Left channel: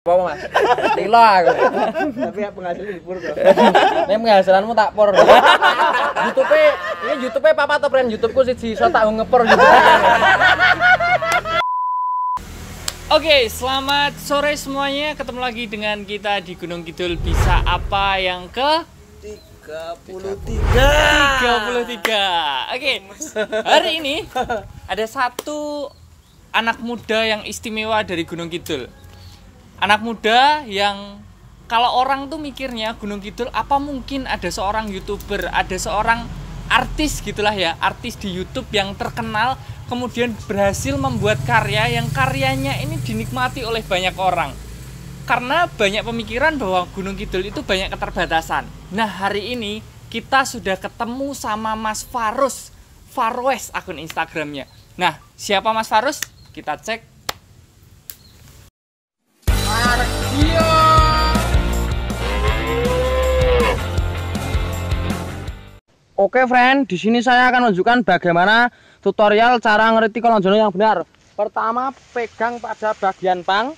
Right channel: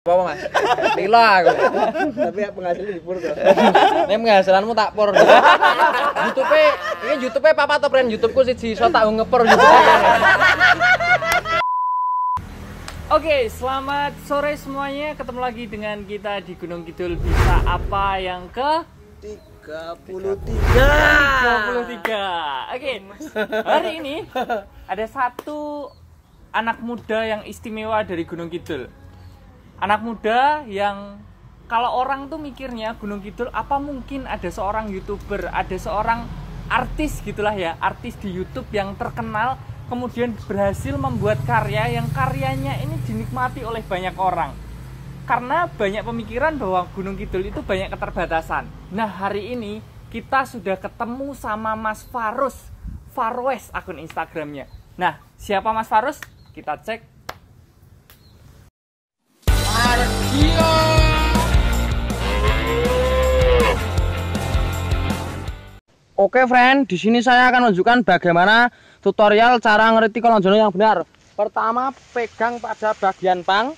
Apa Mas? Lilo aku. Tapi penghasilan di pur tuh. Nek penghasilanmu tak por. YouTube papa atau brand YouTubeku siji iso tak ngepor YouTube. Oke, selamat sore semuanya. Ketemu lagi dengan kita di Gunung Kidul. Bisa apa yang ke 33. Oke. Hari ini ada satu anak muda yang istimewa dari Gunung Kidul. Anak muda yang kalau orang tuh mikirnya Gunung Kidul apa mungkin ada seorang YouTuber, ada seorang artis gitulah ya, artis di YouTube yang terkenal kemudian berhasil membuat karya yang karyanya ini dinikmati oleh banyak orang. Karena banyak pemikiran bahwa Gunung Kidul itu banyak keterbatasan. Nah, hari ini kita sudah ketemu sama Mas Farus, Farwes akun Instagramnya. Nah, siapa Mas Farus? Kita cek. Oke friend, di sini saya akan menunjukkan bagaimana tutorial cara ngeriti kolong jono yang benar. Pertama, pegang pada bagian pang,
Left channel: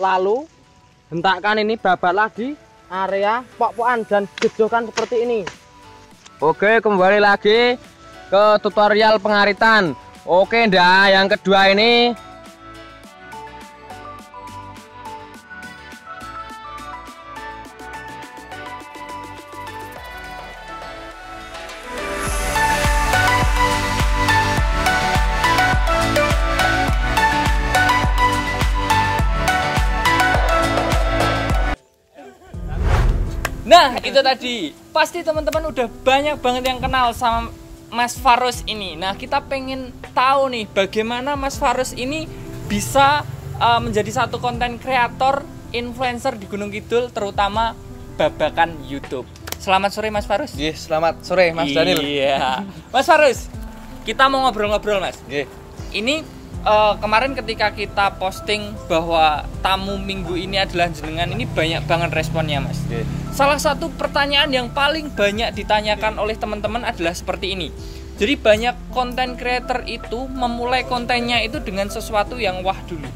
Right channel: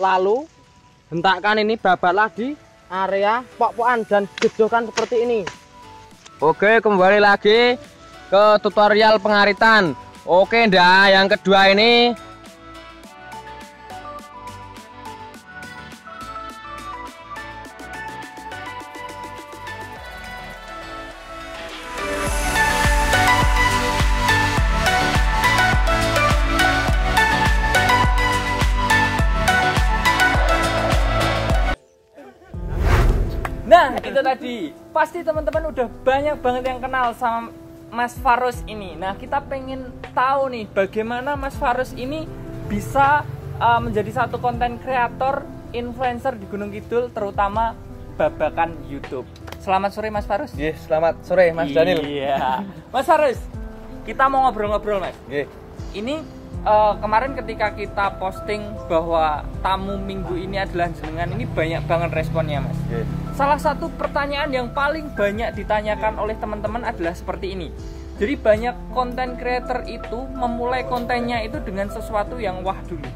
lalu hentakkan ini babatlah di area pok-pokan dan jejokan seperti ini. Oke, kembali lagi ke tutorial pengaritan. Oke, ndak, yang kedua ini Nah, itu tadi. Pasti teman-teman udah banyak banget yang kenal sama Mas Farus ini. Nah, kita pengen tahu nih bagaimana Mas Farus ini bisa menjadi satu konten kreator, influencer di Gunung Kidul, terutama babakan YouTube. Selamat sore Mas Farus. yes, selamat sore Mas Daniel. Iya. Mas Farus, kita mau ngobrol-ngobrol Mas. Yeah. Ini kemarin ketika kita posting bahwa tamu minggu ini adalah jenengan, ini banyak banget responnya Mas. Yeah. Salah satu pertanyaan yang paling banyak ditanyakan oleh teman-teman adalah seperti ini. Jadi banyak konten creator itu memulai kontennya itu dengan sesuatu yang wah dulu.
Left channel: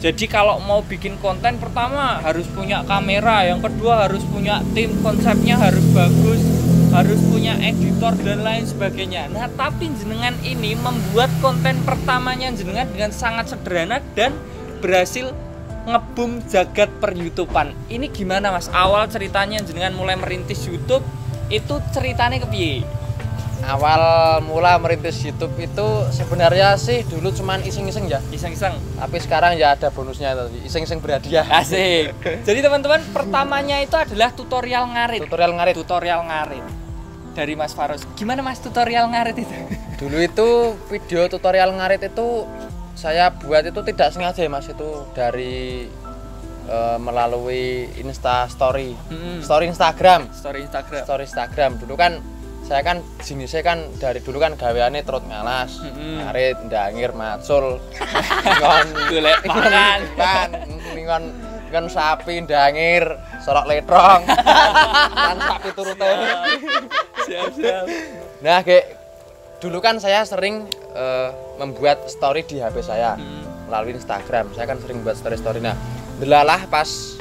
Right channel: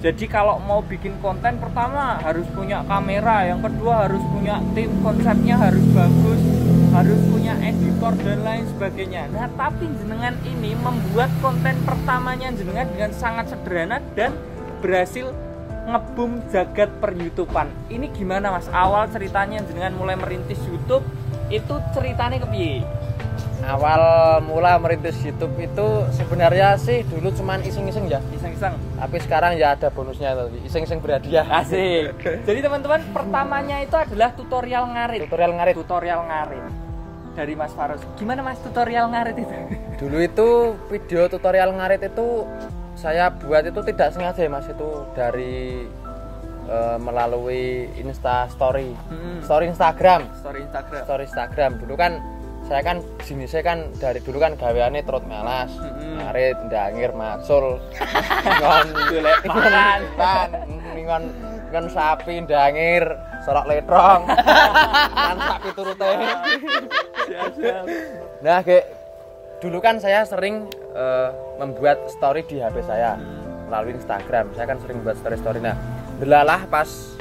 Jadi kalau mau bikin konten, pertama harus punya kamera, yang kedua harus punya tim, konsepnya harus bagus, harus punya editor dan lain sebagainya. Nah, tapi jenengan ini membuat konten pertamanya jenengan dengan sangat sederhana dan berhasil ngebum jagat per YouTubean. Ini gimana Mas? Awal ceritanya jenengan mulai merintis YouTube itu ceritanya kepiye? Awal mula merintis YouTube itu sebenarnya sih dulu cuman iseng-iseng ya. Iseng-iseng. Tapi sekarang ya ada bonusnya tadi, iseng-iseng berhadiah. Asik. Jadi teman-teman, pertamanya itu adalah tutorial ngarit. Tutorial ngarit dari Mas Farus. Gimana Mas tutorial ngarit itu? Dulu itu video tutorial ngarit itu saya buat itu tidak sengaja Mas, itu dari melalui Story Instagram. Story Instagram. Dulu kan saya kan jenisnya kan dari dulu kan gaweane trot ngalas, ngarit, ndangir, macul, golek ngon sapi, ndangir, sorok letrong, kan sapi turute. Siap. Nah, kayak dulu kan saya sering membuat story di HP saya melalui Instagram. Saya kan sering buat story. Nah, delalah pas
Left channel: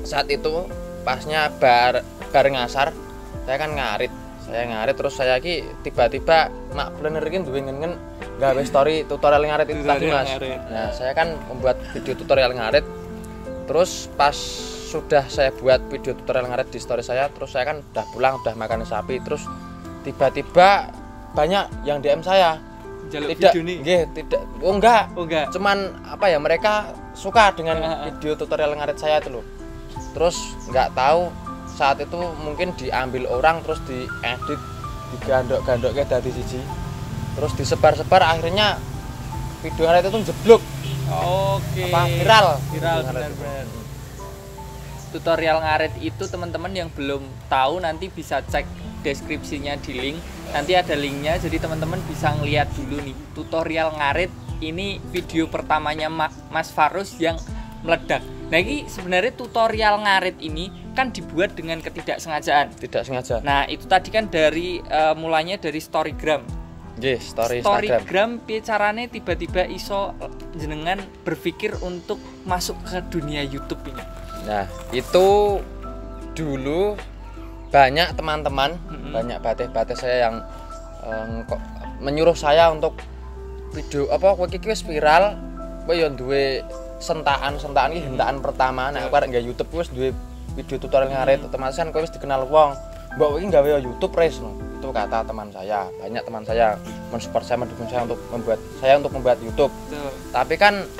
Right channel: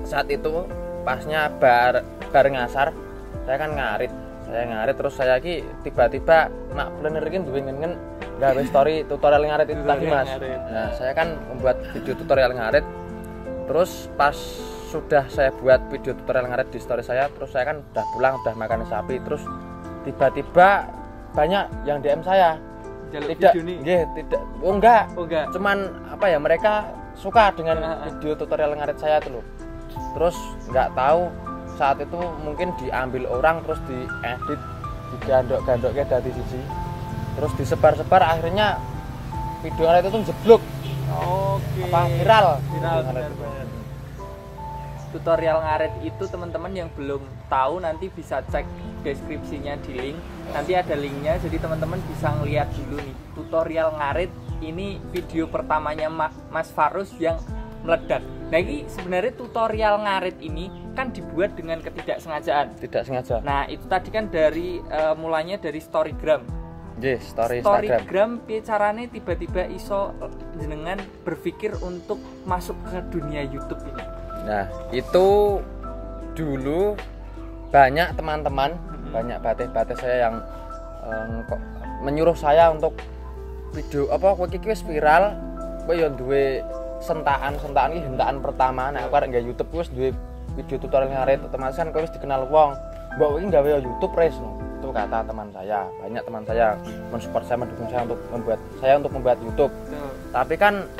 saat itu pasnya bareng asar, saya kan ngarit terus saya ki tiba-tiba mak planner iki duwe ngen gawe story tutorial ngarit itu tadi Mas. Nah, saya kan membuat video tutorial ngarit. Terus pas sudah saya buat video tutorial ngarit di story saya, terus saya kan udah pulang, udah makan sapi, terus tiba-tiba banyak yang DM saya. Tidak, enggak. Cuman apa ya, mereka suka dengan video tutorial ngarit saya itu loh. Terus nggak tahu saat itu mungkin diambil orang terus diedit, digandok-gandok kayak dadi siji. Terus disebar-sebar, akhirnya video ngarit itu jeblok. Oke. Viral. Tutorial ngarit itu teman-teman yang belum tahu nanti bisa cek deskripsinya di link. Nanti ada linknya, jadi teman-teman bisa ngeliat dulu nih tutorial ngarit. Ini video pertamanya Mas Farus yang meledak. Nah, ini sebenarnya tutorial ngarit ini kan dibuat dengan ketidaksengajaan. Tidak sengaja. Nah, itu tadi kan dari mulanya dari Storygram. Nggih, story Instagram. Storygram piye carane tiba-tiba iso jenengan berpikir untuk masuk ke dunia YouTube ini? Nah, itu dulu banyak teman-teman, banyak batik-batik saya yang menyuruh saya untuk video apa kowe iki wis viral, kowe yo duwe sentakan iki hentakan pertama. Nek aku arek nggawe YouTube wis duwe video tutorial ngarit, otomatis kan kowe wis dikenal wong. Mbok kowe iki nggawe YouTube res no. Itu kata teman saya. Banyak teman saya mensupport saya, mendukung saya untuk membuat YouTube. Tapi kan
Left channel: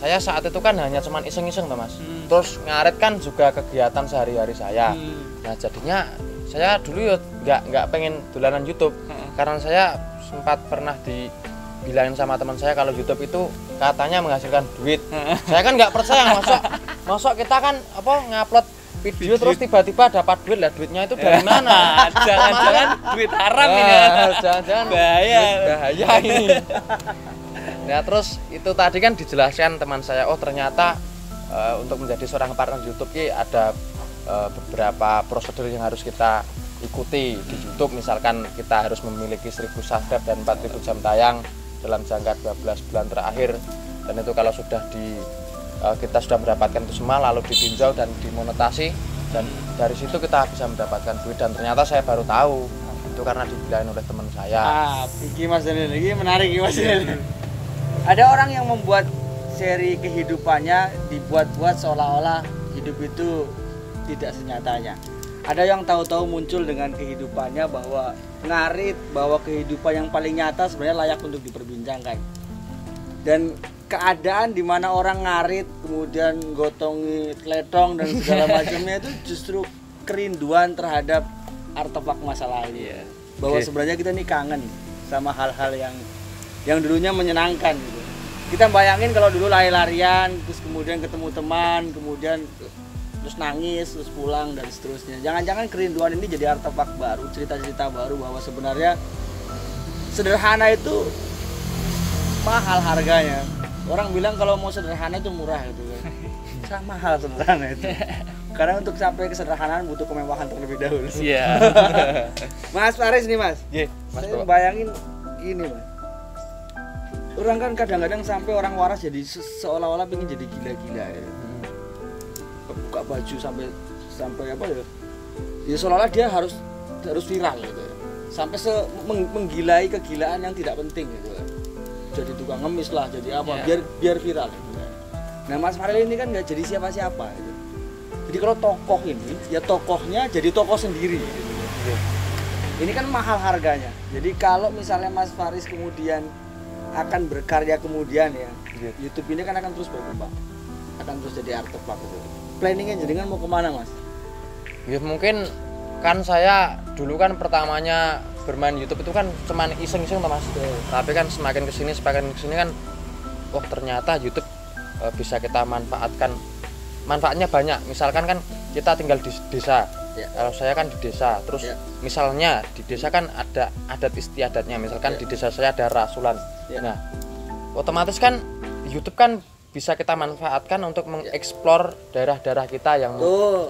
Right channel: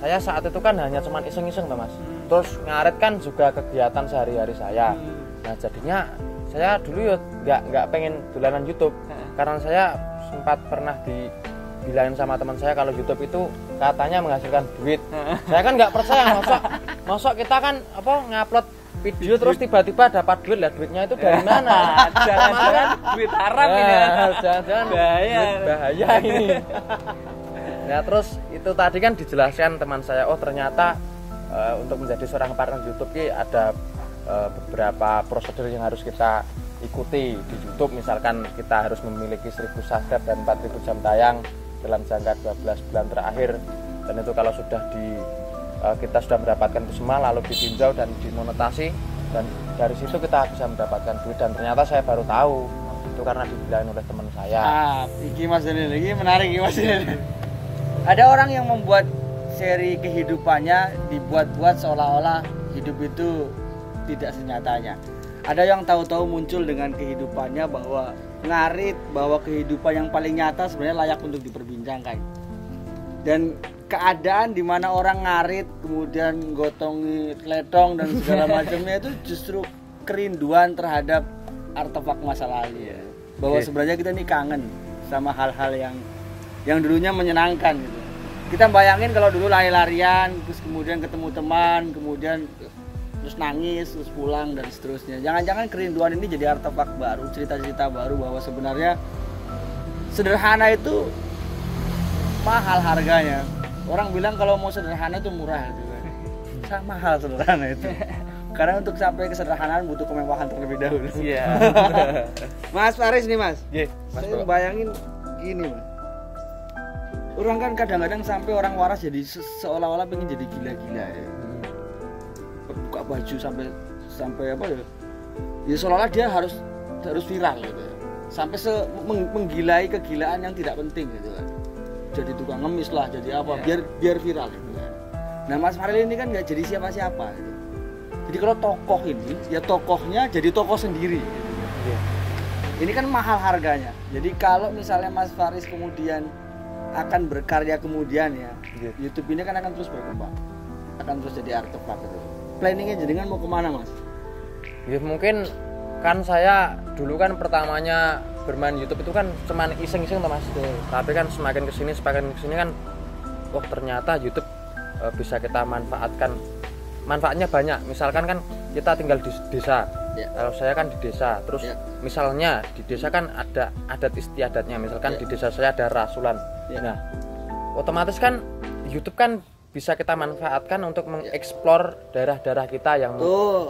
saya saat itu kan hanya cuman iseng-iseng Mas. Terus ngarit kan juga kegiatan sehari-hari saya. Nah, jadinya saya dulu ya nggak pengen dolanan YouTube. Karena saya sempat pernah dibilangin sama teman saya kalau YouTube itu katanya menghasilkan duit. Saya kan nggak percaya, masa kita kan ngupload video terus tiba-tiba dapat duit, lah duitnya itu dari mana? Jangan-jangan duit haram ini. Jangan-jangan bahaya ini. Nah, terus itu tadi kan dijelaskan teman saya, oh ternyata untuk menjadi seorang partner YouTube ini ada beberapa prosedur yang harus kita ikuti di YouTube. Misalkan kita harus memiliki 1000 subscribe dan 4000 jam tayang dalam jangka 12 bulan terakhir. Dan itu kalau sudah kita sudah mendapatkan itu semua lalu ditinjau dan dimonetasi, dan dari situ kita bisa mendapatkan duit. Dan ternyata saya baru tahu itu karena dibilangin oleh teman saya. Iki Mas Daniel, iki menarik iki Mas Daniel. Ada orang yang membuat seri kehidupannya dibuat-buat seolah-olah hidup itu tidak senyatanya. Ada yang tahu-tahu muncul dengan kehidupannya bahwa ngarit bahwa kehidupan yang paling nyata sebenarnya layak untuk diperbincangkan. Dan keadaan di mana orang ngarit kemudian gotongi letong dan segala macamnya itu justru kerinduan terhadap artefak masa lalu. Bahwa sebenarnya kita ini kangen sama hal-hal yang dulunya menyenangkan gitu. Kita bayangin kalau dulu lari-larian terus kemudian ketemu teman, kemudian terus nangis, terus pulang dan seterusnya. Jangan-jangan kerinduan ini jadi artefak baru, cerita-cerita baru bahwa sebenarnya sederhana itu mahal harganya. Orang bilang kalau mau sederhana itu murah gitu kan. Sama mahal sederhana itu. Karena untuk sampai kesederhanaan butuh kemewahan terlebih dahulu. Iya. Mas Faris nih Mas. Mas, saya bayangin gini Mas. Orang kan kadang-kadang sampai orang waras jadi seolah-olah pengen jadi gila-gila ya. Buka baju sampai apa ya? Ya seolah-olah dia harus viral gitu. Sampai menggilai kegilaan yang tidak penting gitu kan. Jadi tukang ngemis lah, jadi apa, biar viral gitu. Nah Mas Faril ini kan nggak jadi siapa-siapa gitu. Jadi kalau tokoh ini, ya tokohnya jadi tokoh sendiri gitu. Ini kan mahal harganya. Jadi kalau misalnya Mas Faris kemudian akan berkarya kemudian ya, YouTube ini kan akan terus berkembang, akan terus jadi artefak gitu. Planningnya jenengan mau kemana Mas? Ya mungkin kan saya dulu kan pertamanya bermain YouTube itu kan cuman iseng-iseng Mas. Tapi kan semakin kesini kan ternyata YouTube bisa kita manfaatkan. Manfaatnya banyak. Misalkan kan kita tinggal di desa. Kalau saya kan di desa. Terus misalnya di desa kan ada adat istiadatnya. Misalkan di desa saya ada rasulan. Nah, otomatis kan YouTube kan bisa kita manfaatkan untuk mengeksplor daerah-daerah kita yang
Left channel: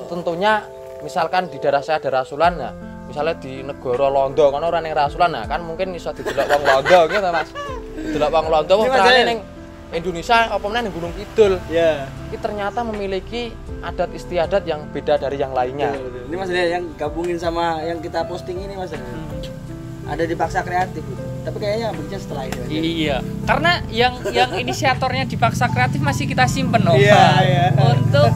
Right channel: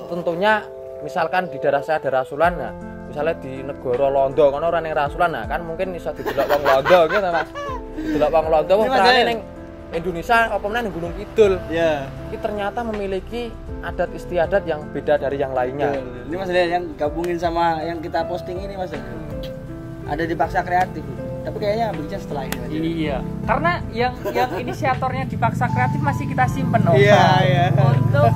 tentunya misalkan di daerah saya ada rasulan. Nah, misalnya di negara Londo kan orang yang rasulan, nah kan mungkin bisa didelok wong Londo gitu Mas. Didelok wong Londo wong terane ning Indonesia apa meneh ning Gunung Kidul. Ini ternyata memiliki adat istiadat yang beda dari yang lainnya. Ini Mas yang gabungin sama yang kita posting ini Mas. Ada di Paksa Kreatif gitu. Tapi kayaknya bentuknya setelah ini. Iya. Karena yang inisiatornya di Paksa Kreatif masih kita simpen Iya. Untuk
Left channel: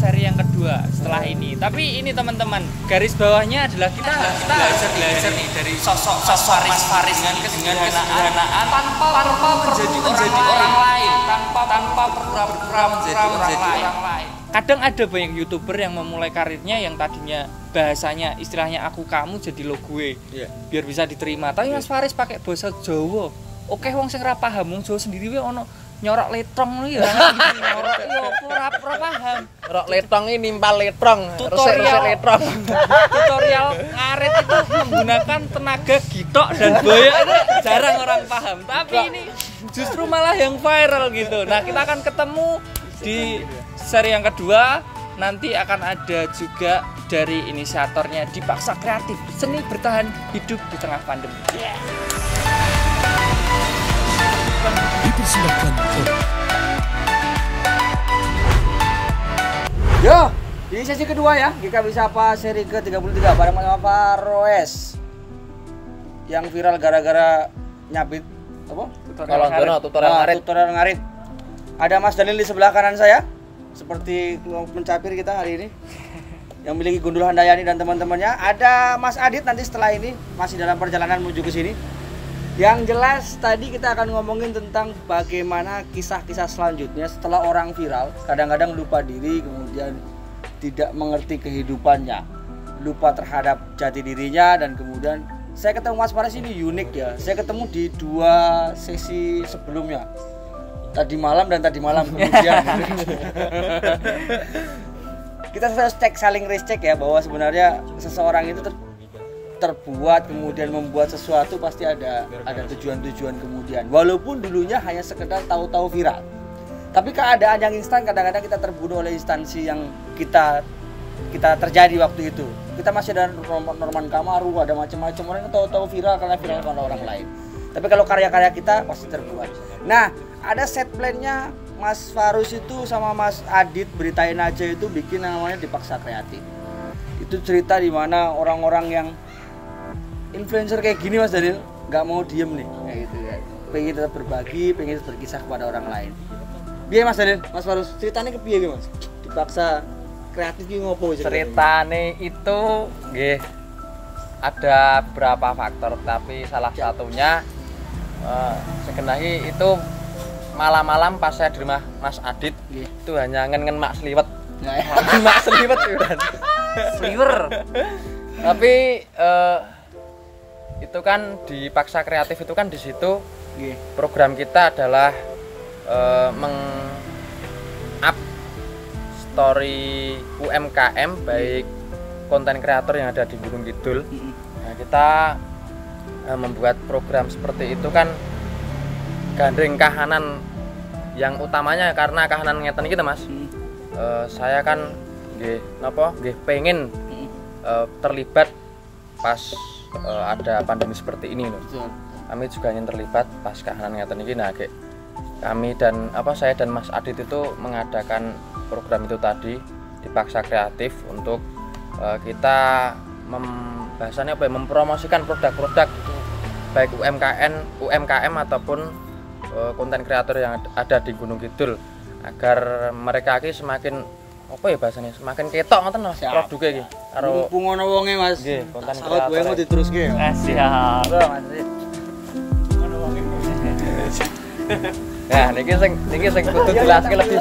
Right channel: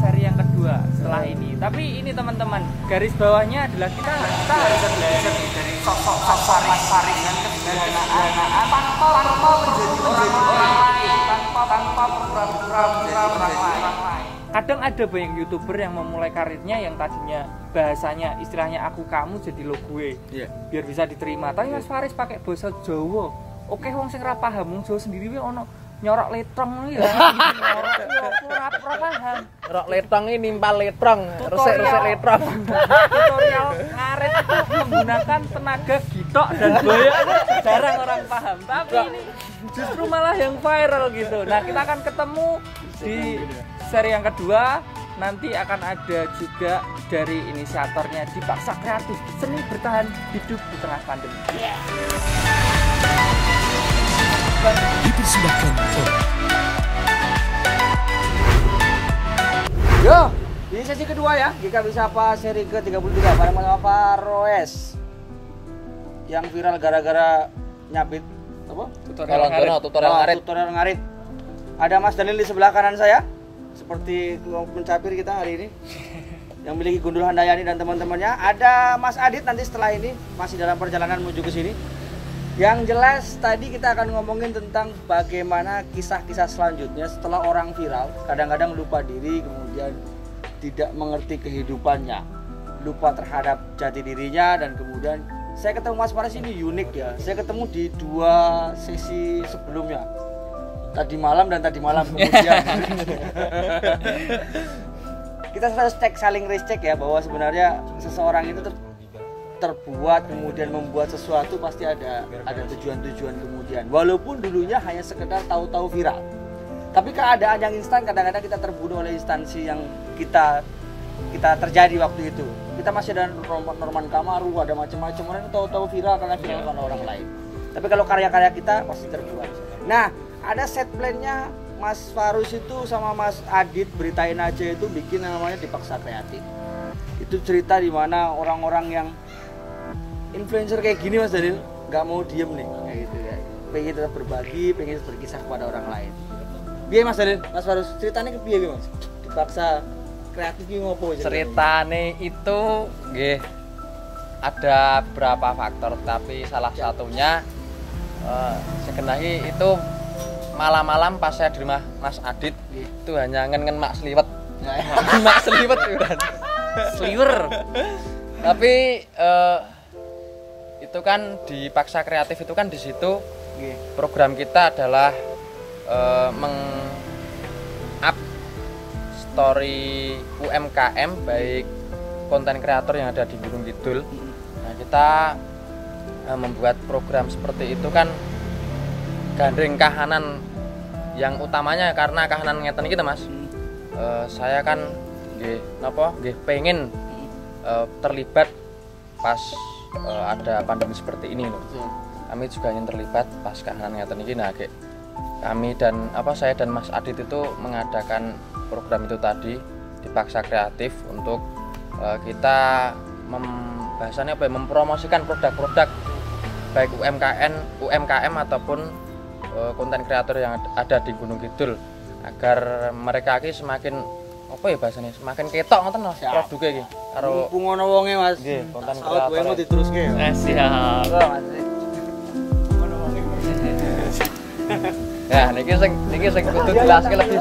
seri yang kedua setelah ini. Tapi ini teman-teman, garis bawahnya adalah kita harus belajar nih dari sosok Faris dengan kesederhanaan tanpa menjadi orang lain, tanpa pura-pura menjadi orang lain. Kadang ada banyak YouTuber yang memulai karirnya yang tadinya bahasanya istilahnya aku kamu jadi lo gue. Biar bisa diterima. Tapi Mas Faris pakai bahasa Jawa. Oke wong sing ora paham wong Jawa sendiri wae ono nyorok letrong ya. Nyorok ya ora paham. Nyorok letrong ini nimpal letrong, resik-resik letrong. Tutorial ngarit itu menggunakan tenaga gitok dan boyok itu jarang orang paham. Tapi ini justru malah yang viral gitu. Nah, kita akan ketemu di seri yang kedua. Nanti akan ada juga dari inisiatornya di Paksa Kreatif, seni bertahan hidup di tengah pandemi. Dipersembahkan oleh Yo, di sesi kedua ya, kita bisa apa seri ke-33 pada Mas Faroes yang viral gara-gara nyabit apa? Tutorial ngarit. Tutorial ngarit. Ada Mas Daniel di sebelah kanan saya, seperti pencapir kita hari ini, yang memiliki Gundul Handayani dan teman-temannya. Ada Mas Adit nanti setelah ini masih dalam perjalanan menuju ke sini. Yang jelas tadi kita akan ngomongin tentang bagaimana kisah-kisah selanjutnya setelah orang viral kadang-kadang lupa diri, kemudian tidak mengerti kehidupannya, lupa terhadap jati dirinya, dan kemudian saya ketemu Mas Faroes ini unik ya. Saya ketemu di 2 sesi sebelumnya, tadi malam dan tadi malam kemudian. Kita harus cek, saling recheck ya, bahwa sebenarnya seseorang itu terbuat kemudian membuat sesuatu pasti ada tujuan-tujuan kemudian, walaupun dulunya hanya sekedar tahu-tahu viral. Tapi keadaan yang instan kadang-kadang kita terbunuh oleh instansi yang kita terjadi waktu itu. Kita masih ada Norman Kamaru, ada macam-macam orang tahu-tahu viral karena viral sama orang lain. Tapi kalau karya-karya kita pasti terbuat. Nah, ada set plan-nya Mas Faroes itu sama Mas Adit, Beritain Aja itu bikin namanya Dipaksa Kreatif. Itu cerita di mana orang-orang yang influencer kayak gini Mas Daniel nggak mau diem nih kayak gitu ya, pengen tetap berbagi, pengen berkisah kepada orang lain. Biar Mas Daniel, Mas Faroes ceritanya ke piye Mas? Dipaksa Kreatif ki ngopo sih? Ceritane itu nggih ada beberapa faktor, tapi salah satunya sekenai itu malam-malam pas saya di rumah Mas Adit itu hanya ngen mak seliwet. Mak seliwet kan. Sliwer. Tapi itu kan Dipaksa Kreatif itu kan di situ program kita adalah meng-up story UMKM baik konten kreator yang ada di Gunung Kidul. Nah, kita membuat program seperti itu kan gandeng kahanan yang utamanya karena kahanan ngeten kita Mas. Saya kan nggih pengen terlibat pas ada pandemi seperti ini loh. Kami juga ingin terlibat pas kahanan ngeten iki. Nah, kami dan saya dan Mas Adit itu mengadakan program itu tadi Dipaksa Kreatif untuk kita mempromosikan produk-produk baik UMKM ataupun konten kreator yang ada di Gunung Kidul agar mereka iki semakin semakin ketok ngoten lho produknya iki karo ngono wonge Mas. Nggih, konten kreator. Kowe diteruske. Siap. Nah, niki sing kudu jelaske lebih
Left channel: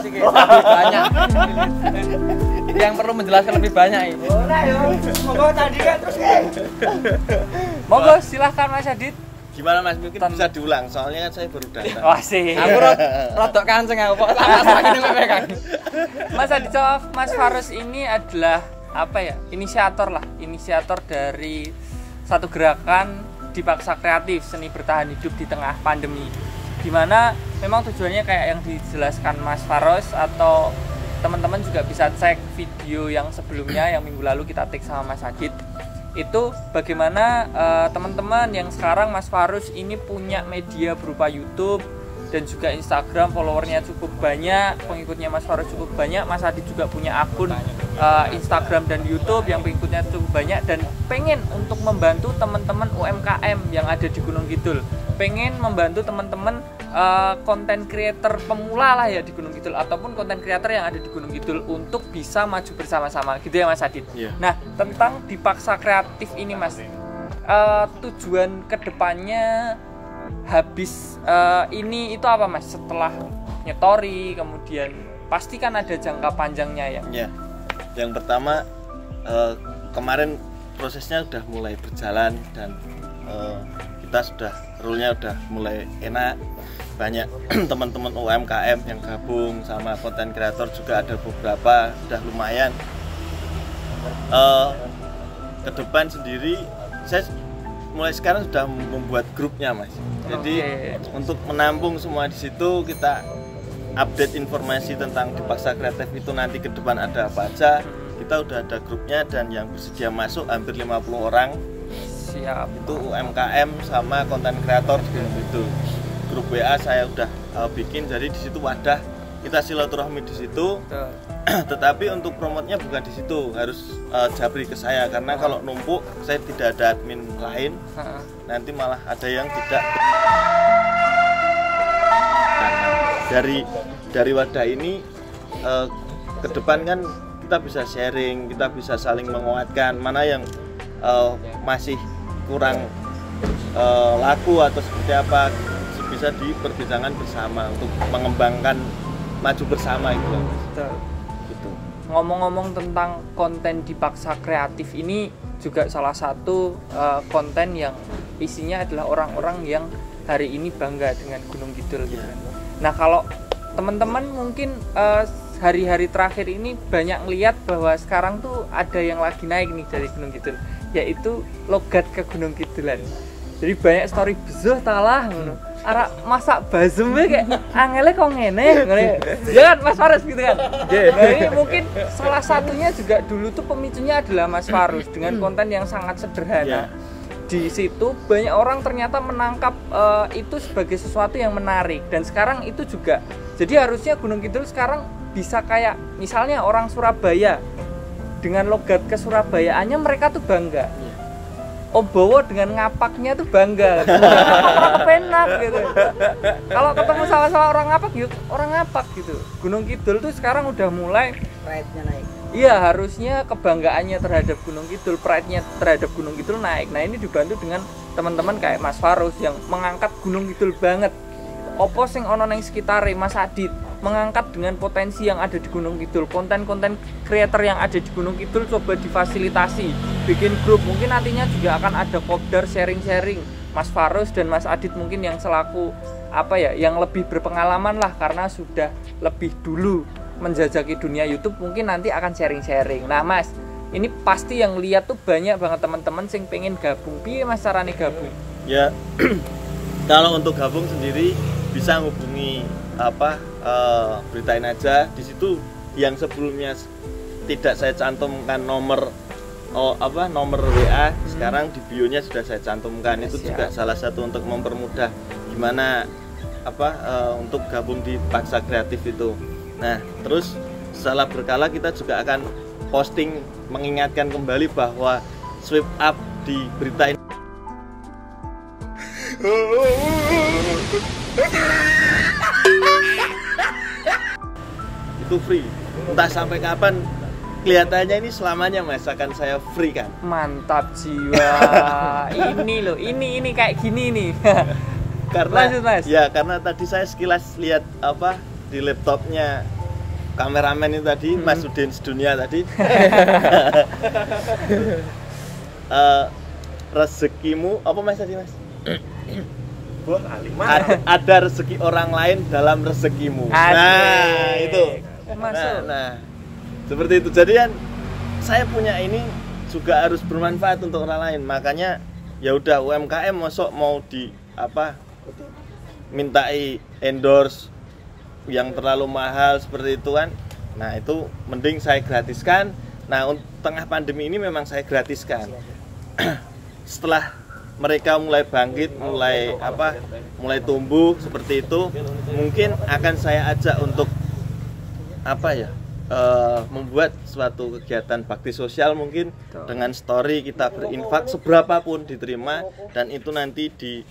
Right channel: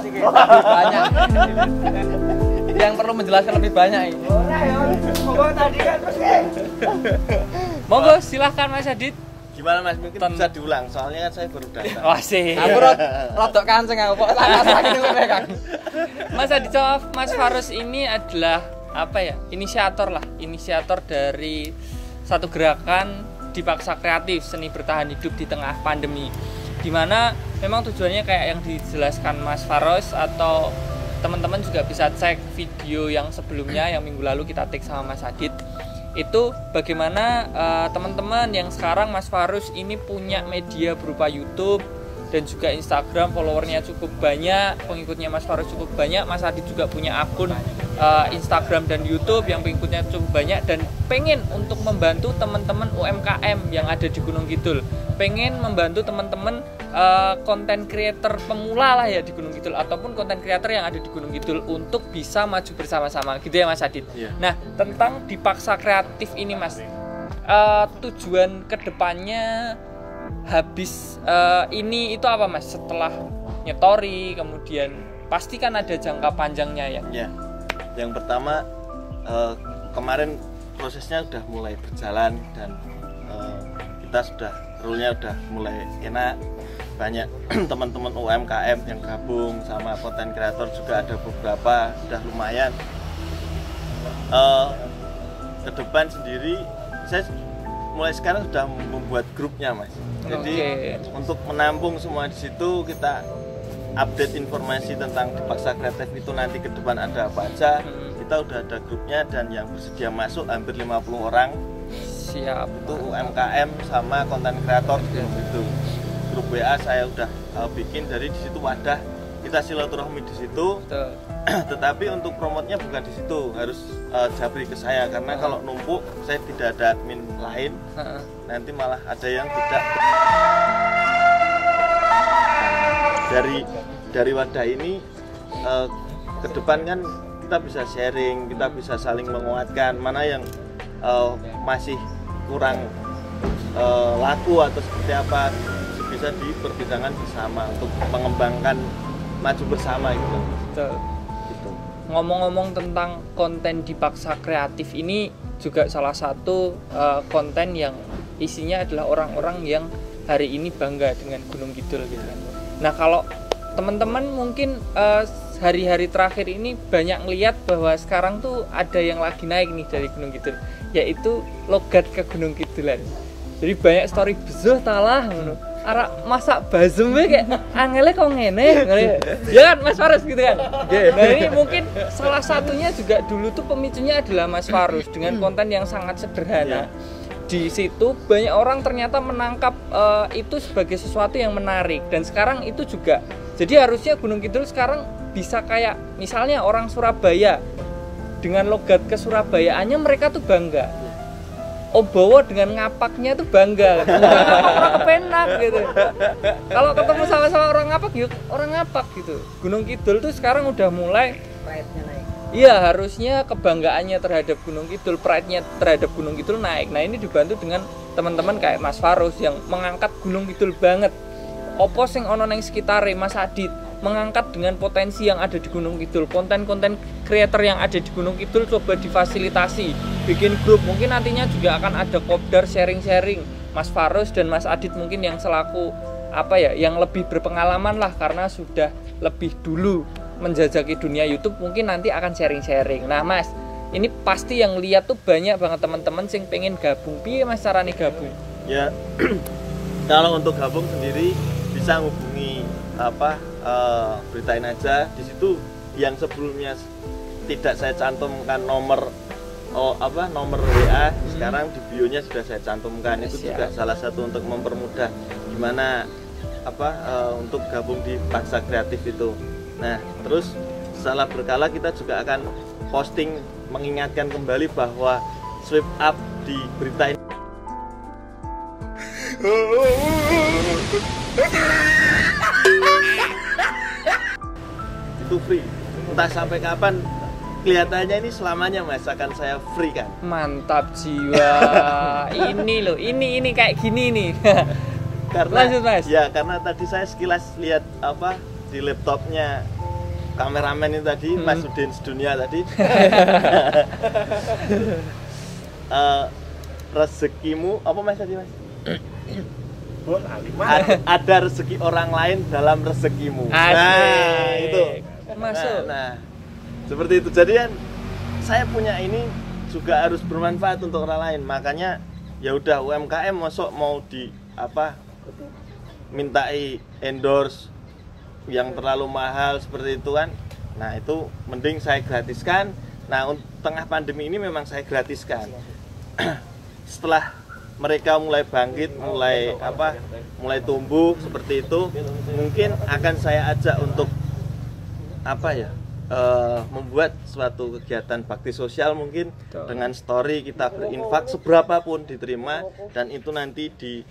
banyak. Yang perlu menjelaskan lebih banyak ini. Semoga tadi kan terus Monggo silahkan Mas Adit. Gimana Mas, mungkin bisa diulang soalnya kan saya baru datang. Wah sih. Aku rodok kanceng aku kok sakit lho Kang. Mas Adit sama Mas Faroes ini adalah inisiator dari satu gerakan Dipaksa Kreatif, seni bertahan hidup di tengah pandemi. Dimana memang tujuannya kayak yang dijelaskan Mas Faroes, atau teman-teman juga bisa cek video yang sebelumnya yang minggu lalu kita take sama Mas Adit. Itu bagaimana teman-teman yang sekarang Mas Faroes ini punya media berupa YouTube dan juga Instagram, followernya cukup banyak, pengikutnya Mas Faroes cukup banyak. Mas Adit juga punya akun Instagram dan YouTube yang pengikutnya cukup banyak, dan pengen untuk membantu teman-teman UMKM yang ada di Gunung Kidul, pengen membantu teman-teman konten creator pemula lah ya di Gunung Kidul, ataupun konten creator yang ada di Gunung Kidul untuk bisa maju bersama-sama gitu ya Mas Adit. Nah, tentang Dipaksa Kreatif ini Mas, tujuan kedepannya habis ini itu apa Mas? Setelah nyetori kemudian pasti kan ada jangka panjangnya ya. Ya. Yang pertama kemarin prosesnya sudah mulai berjalan dan kita sudah rule-nya sudah mulai enak. Banyak teman-teman UMKM yang gabung sama konten kreator juga ada beberapa, sudah lumayan. Ke depan sendiri saya mulai sekarang sudah membuat grupnya Mas. Jadi untuk menampung semua di situ, kita update informasi tentang Dipaksa Kreatif itu nanti ke depan ada apa aja. Kita udah ada grupnya, dan yang bersedia masuk hampir 50 orang Siap. Itu UMKM sama konten kreator di Gunung Kidul. Grup WA saya udah bikin, jadi di situ wadah kita silaturahmi di situ. Betul. Tetapi untuk promotnya bukan di situ, harus japri ke saya karena kalau numpuk saya tidak ada admin lain, nanti malah ada yang tidak. Dari wadah ini ke depan kan kita bisa sharing, kita bisa saling menguatkan mana yang masih kurang laku atau seperti apa, bisa diperbincangkan bersama untuk mengembangkan maju bersama gitu. Betul. Ngomong-ngomong tentang konten dipaksa kreatif ini juga salah satu konten yang isinya adalah orang-orang yang hari ini bangga dengan Gunung Kidul gitu kan. Nah kalau teman-teman mungkin hari-hari terakhir ini banyak ngeliat bahwa sekarang tuh ada yang lagi naik nih dari Gunung Kidul, yaitu logat ke Gunung Kidulan. Jadi banyak story bezuh talah arah masak bazem kayak angele kok ngene ya kan Mas Farus gitu kan. Nah ini mungkin salah satunya juga dulu tuh pemicunya adalah Mas Farus dengan konten yang sangat sederhana. Di situ banyak orang ternyata menangkap itu sebagai sesuatu yang menarik, dan sekarang itu juga jadi harusnya Gunung Kidul sekarang bisa kayak misalnya orang Surabaya dengan logat ke Surabayaannya mereka tuh bangga. Obowo dengan ngapaknya tuh bangga, penak gitu. Kalau ketemu sama orang ngapak, yuk orang ngapak gitu. Gunung Kidul tuh sekarang udah mulai Pride-nya naik. Iya, harusnya kebanggaannya terhadap Gunung Kidul, pride-nya terhadap Gunung Kidul naik. Nah ini dibantu dengan teman-teman kayak Mas Farus yang mengangkat Gunung Kidul banget. Opo sing ono neng sekitare, Mas Adit mengangkat dengan potensi yang ada di Gunung Kidul, konten-konten creator yang ada di Gunung Kidul coba difasilitasi, bikin grup. Mungkin nantinya juga akan ada kopdar sharing-sharing. Mas Farus dan Mas Adit mungkin yang selaku apa ya, yang lebih berpengalaman lah karena sudah lebih dulu menjajaki dunia YouTube, mungkin nanti akan sharing-sharing. Nah Mas, ini pasti yang lihat tuh banyak banget teman-teman sing pengen gabung. Piye Mas carane gabung? Ya kalau untuk gabung sendiri bisa menghubungi beritain aja di situ. Yang sebelumnya tidak saya cantumkan nomor nomor WA, sekarang di bio-nya sudah saya cantumkan. Itu juga salah satu untuk mempermudah gimana untuk gabung di Paksa Kreatif itu. Nah, terus setelah berkala kita juga akan posting mengingatkan kembali bahwa swipe up di berita ini itu free. Entah sampai kapan, kelihatannya ini selamanya Mas akan saya free kan. Mantap jiwa. Ini loh, ini kayak gini nih. Karena lanjut, Mas. Ya, karena tadi saya sekilas lihat di laptopnya kameramen itu tadi, Mas Udin Sedunia tadi. Rezekimu apa Mas tadi Mas? Ada rezeki orang lain dalam rezekimu. Nah, itu. Masuk. Nah, seperti itu. Jadi kan saya punya ini juga harus bermanfaat untuk orang lain. Makanya ya udah UMKM masuk mau di mintai endorse yang terlalu mahal seperti itu kan. Nah, itu mending saya gratiskan. Nah, untuk tengah pandemi ini memang saya gratiskan. Setelah mereka mulai bangkit, mulai tumbuh seperti itu, mungkin akan saya ajak untuk membuat suatu kegiatan bakti sosial mungkin dengan story kita berinfak seberapapun diterima, dan itu nanti di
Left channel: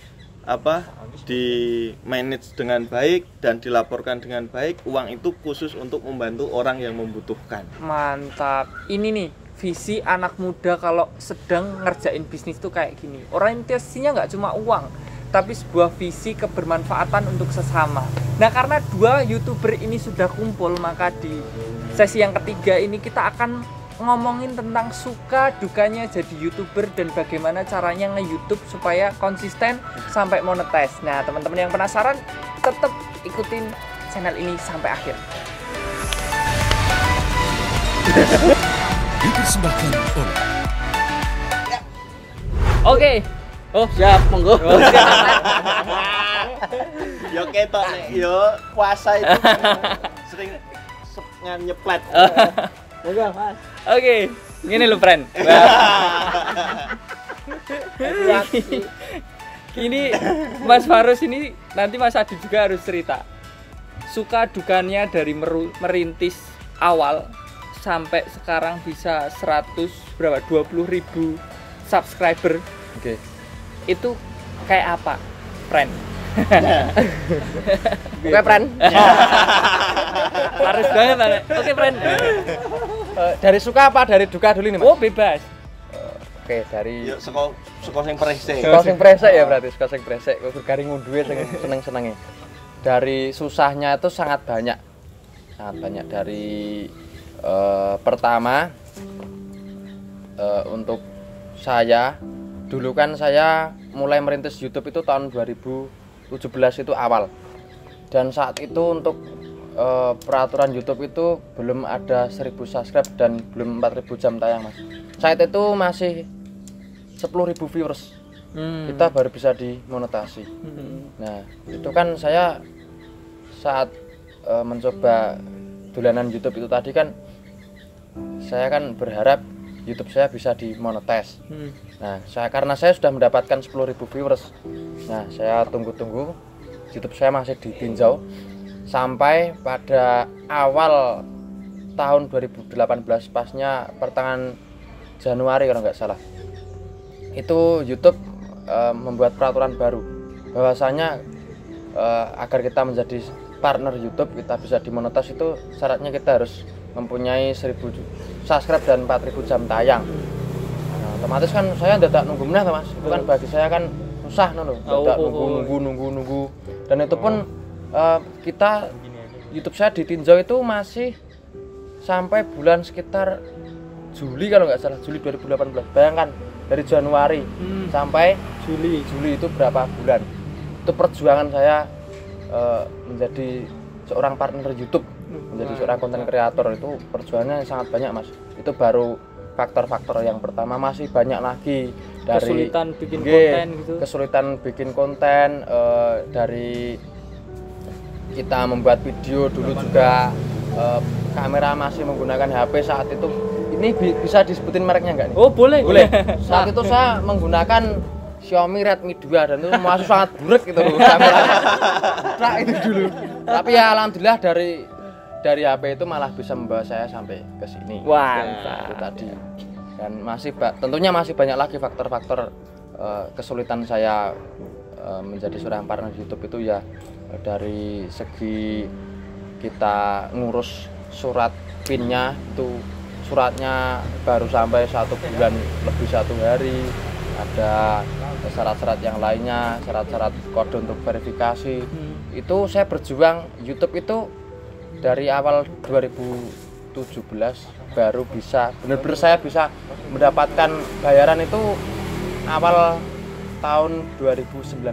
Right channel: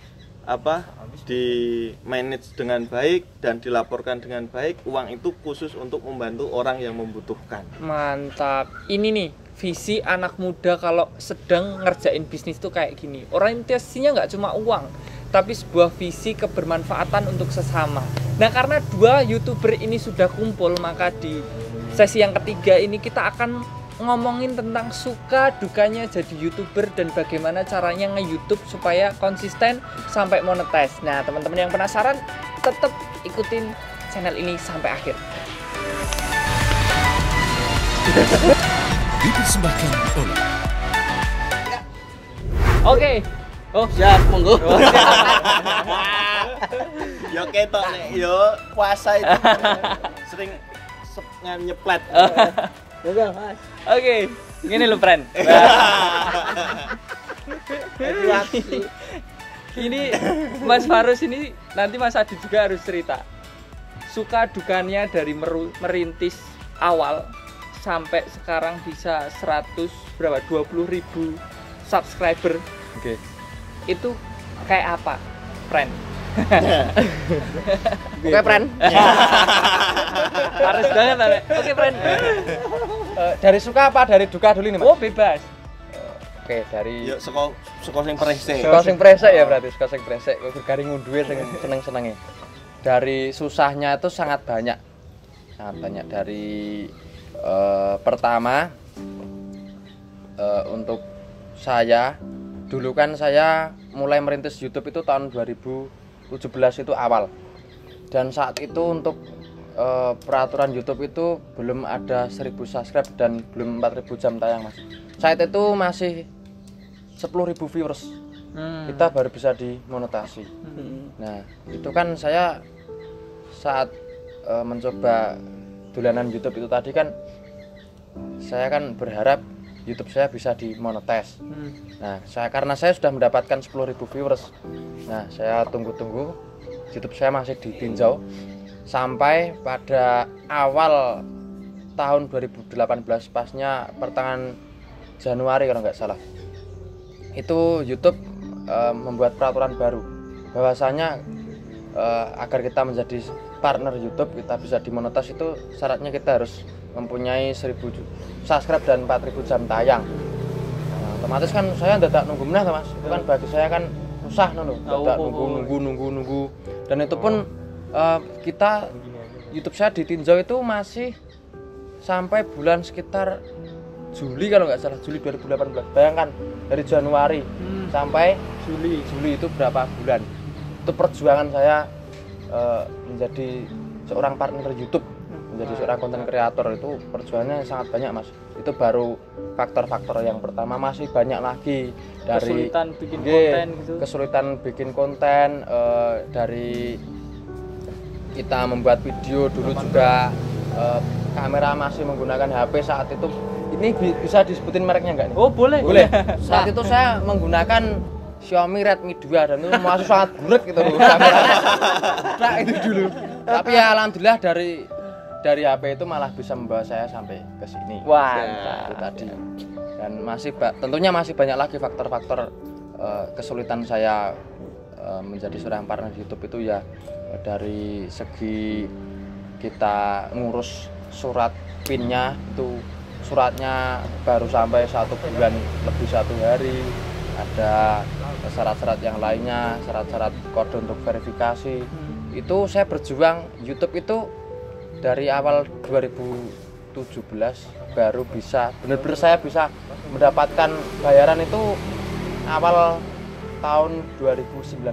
manage dengan baik dan dilaporkan dengan baik. Uang itu khusus untuk membantu orang yang membutuhkan. Mantap. Ini nih visi anak muda kalau sedang ngerjain bisnis tuh kayak gini. Orientasinya nggak cuma uang, tapi sebuah visi kebermanfaatan untuk sesama. Nah, karena dua YouTuber ini sudah kumpul, maka di sesi yang ketiga ini kita akan ngomongin tentang suka dukanya jadi YouTuber dan bagaimana caranya nge-YouTube supaya konsisten sampai monetize. Nah, teman-teman yang penasaran tetap ikutin channel ini sampai akhir. Dipersembahkan oleh Oke. Oh, siap, monggo. Yo ketok nek yo puasa itu sering nyeplet. Monggo, Mas. Oke. Gini lho, friend. Ini Mas Farus ini nanti Mas Adi juga harus cerita suka dukanya dari merintis awal sampai sekarang bisa 20.000 subscriber. Oke. Itu kayak apa, friend? Oke, friend. Harus banget, Pak. Oke, friend. Dari suka apa dari duka dulu nih, Mas? Oh, bebas. Oke, dari Yuk suka sing presek. suka sing presek ya berarti, suka sing presek. Kok garing ngunduhe sing seneng-senenge. Dari susahnya itu sangat banyak. Sangat banyak dari pertama untuk saya dulu kan saya mulai merintis YouTube itu tahun 2017 itu awal. Dan saat itu untuk peraturan YouTube itu belum ada 1000 subscribe dan belum 4000 jam tayang, Mas. Saat itu masih 10.000 viewers. Kita baru bisa dimonetasi. Nah, itu kan saya saat mencoba dolanan YouTube itu tadi kan saya kan berharap YouTube saya bisa dimonetize. Nah, karena saya sudah mendapatkan 10.000 viewers. Nah, saya tunggu-tunggu YouTube saya masih ditinjau sampai pada awal tahun 2018 pasnya pertengahan Januari kalau nggak salah. Itu YouTube membuat peraturan baru bahwasanya agar kita menjadi partner YouTube, kita bisa dimonetize itu syaratnya kita harus mempunyai 1000 subscribe dan 4000 jam tayang. Nah, otomatis kan saya tidak nunggu menah, Mas. Itu kan bagi saya kan susah tidak nunggu. Dan itu pun kita YouTube saya ditinjau itu masih sampai bulan sekitar Juli kalau nggak salah, Juli 2018. Bayangkan dari Januari sampai Juli itu berapa bulan? Itu perjuangan saya menjadi seorang partner YouTube, menjadi seorang konten kreator itu perjuangannya sangat banyak, Mas. Itu baru faktor-faktor yang pertama, masih banyak lagi dari kesulitan bikin konten gitu. Kesulitan bikin konten dari kita membuat video dulu juga kamera masih menggunakan HP saat itu. Ini bisa disebutin mereknya enggak nih? Oh, boleh. Saat itu saya menggunakan Xiaomi Redmi 2 dan itu masih sangat buruk gitu kameranya. Nah, itu dulu. Tapi ya alhamdulillah dari HP itu malah bisa membawa saya sampai ke sini. Wah, itu tadi. Dan tentunya masih banyak lagi faktor-faktor kesulitan saya menjadi seorang partner YouTube itu ya dari segi kita ngurus surat PIN-nya itu suratnya baru sampai 1 bulan lebih 1 hari, ada syarat-syarat yang lainnya, syarat-syarat kode untuk verifikasi. Itu saya berjuang YouTube itu dari awal 2017 baru bisa benar-benar saya bisa mendapatkan bayaran itu awal tahun 2019.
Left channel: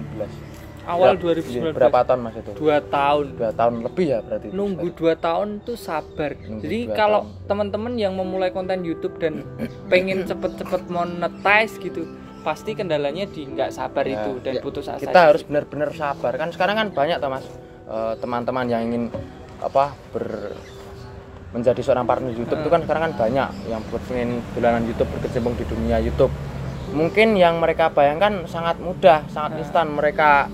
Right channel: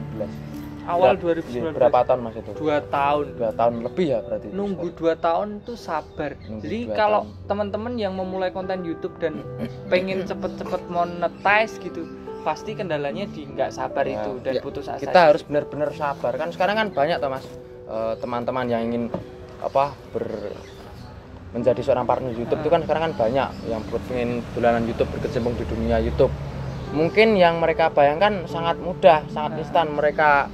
Awal 2019. Berapa tahun, Mas itu? 2 tahun. 2 tahun lebih ya berarti. Nunggu 2 tahun tuh sabar. Jadi 2 kalau tahun. teman-teman yang memulai konten YouTube dan pengen cepet-cepet monetize gitu, pasti kendalanya di nggak sabar Ya, itu dan ya, putus asa. kita harus benar-benar sabar. Kan sekarang kan banyak toh, Mas, teman-teman yang ingin menjadi seorang partner YouTube itu kan sekarang kan banyak yang pengen dolanan YouTube, berkecimpung di dunia YouTube. Mungkin yang mereka bayangkan sangat mudah, sangat instan. Mereka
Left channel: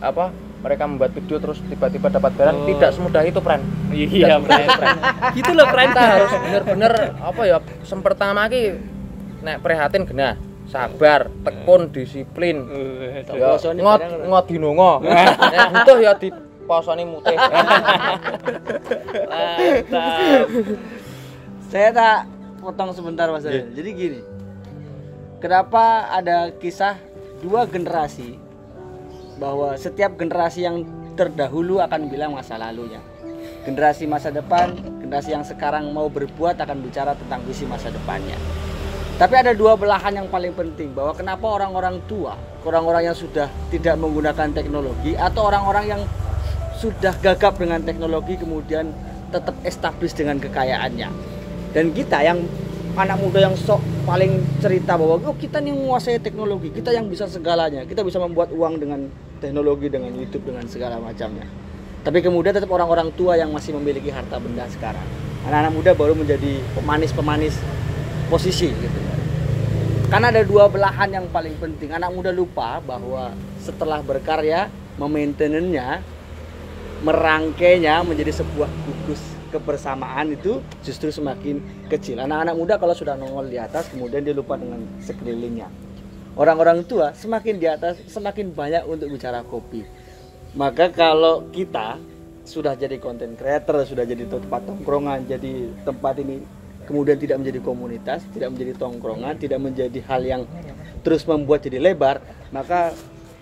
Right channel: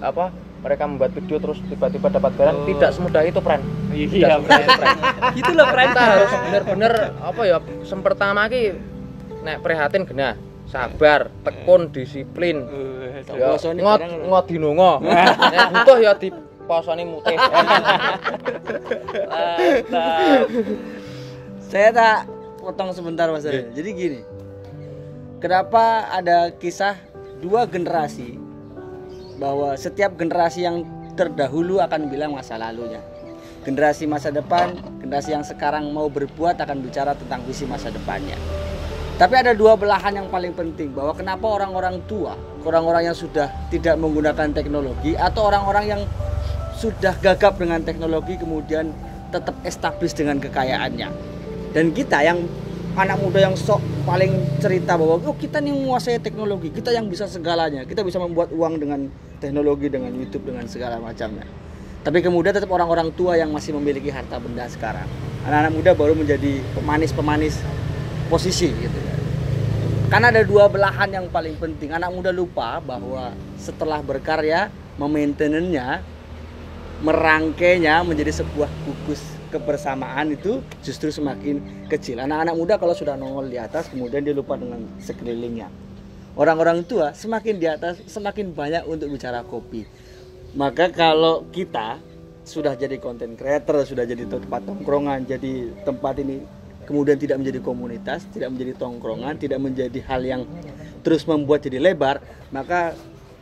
membuat video terus tiba-tiba dapat bayaran. Tidak semudah itu, friend. Iya, friend. Gitu loh, friend. Kita harus bener-bener pertama ki nek prihatin genah, sabar, tekun, disiplin. Ya ngot dinonga. Nek butuh ya diposoni mutih. Saya tak potong sebentar, Mas Ari. Jadi gini. Kenapa ada kisah 2 generasi bahwa setiap generasi yang terdahulu akan bilang masa lalunya. Generasi masa depan, generasi yang sekarang mau berbuat akan bicara tentang visi masa depannya. Tapi ada 2 belahan yang paling penting, bahwa kenapa orang-orang tua, orang-orang yang sudah tidak menggunakan teknologi atau orang-orang yang sudah gagap dengan teknologi kemudian tetap establis dengan kekayaannya. Dan kita yang anak muda yang sok paling cerita bahwa kita nih menguasai teknologi, kita yang bisa segalanya, kita bisa membuat uang dengan teknologi, dengan YouTube, dengan segala macamnya. Tapi kemudian tetap orang-orang tua yang masih memiliki harta benda sekarang. Anak-anak muda baru menjadi pemanis-pemanis posisi gitu. Karena ada dua belahan yang paling penting. Anak muda lupa bahwa setelah berkarya, memaintenannya, merangkainya menjadi sebuah gugus kebersamaan itu justru semakin kecil. Anak-anak muda kalau sudah nongol di atas, kemudian dia lupa dengan sekelilingnya. Orang-orang tua semakin di atas, semakin banyak untuk bicara kopi. Maka kalau kita sudah jadi content creator, sudah jadi tempat tongkrongan, jadi tempat ini kemudian tidak menjadi komunitas, tidak menjadi tongkrongan, tidak menjadi hal yang terus membuat jadi lebar, maka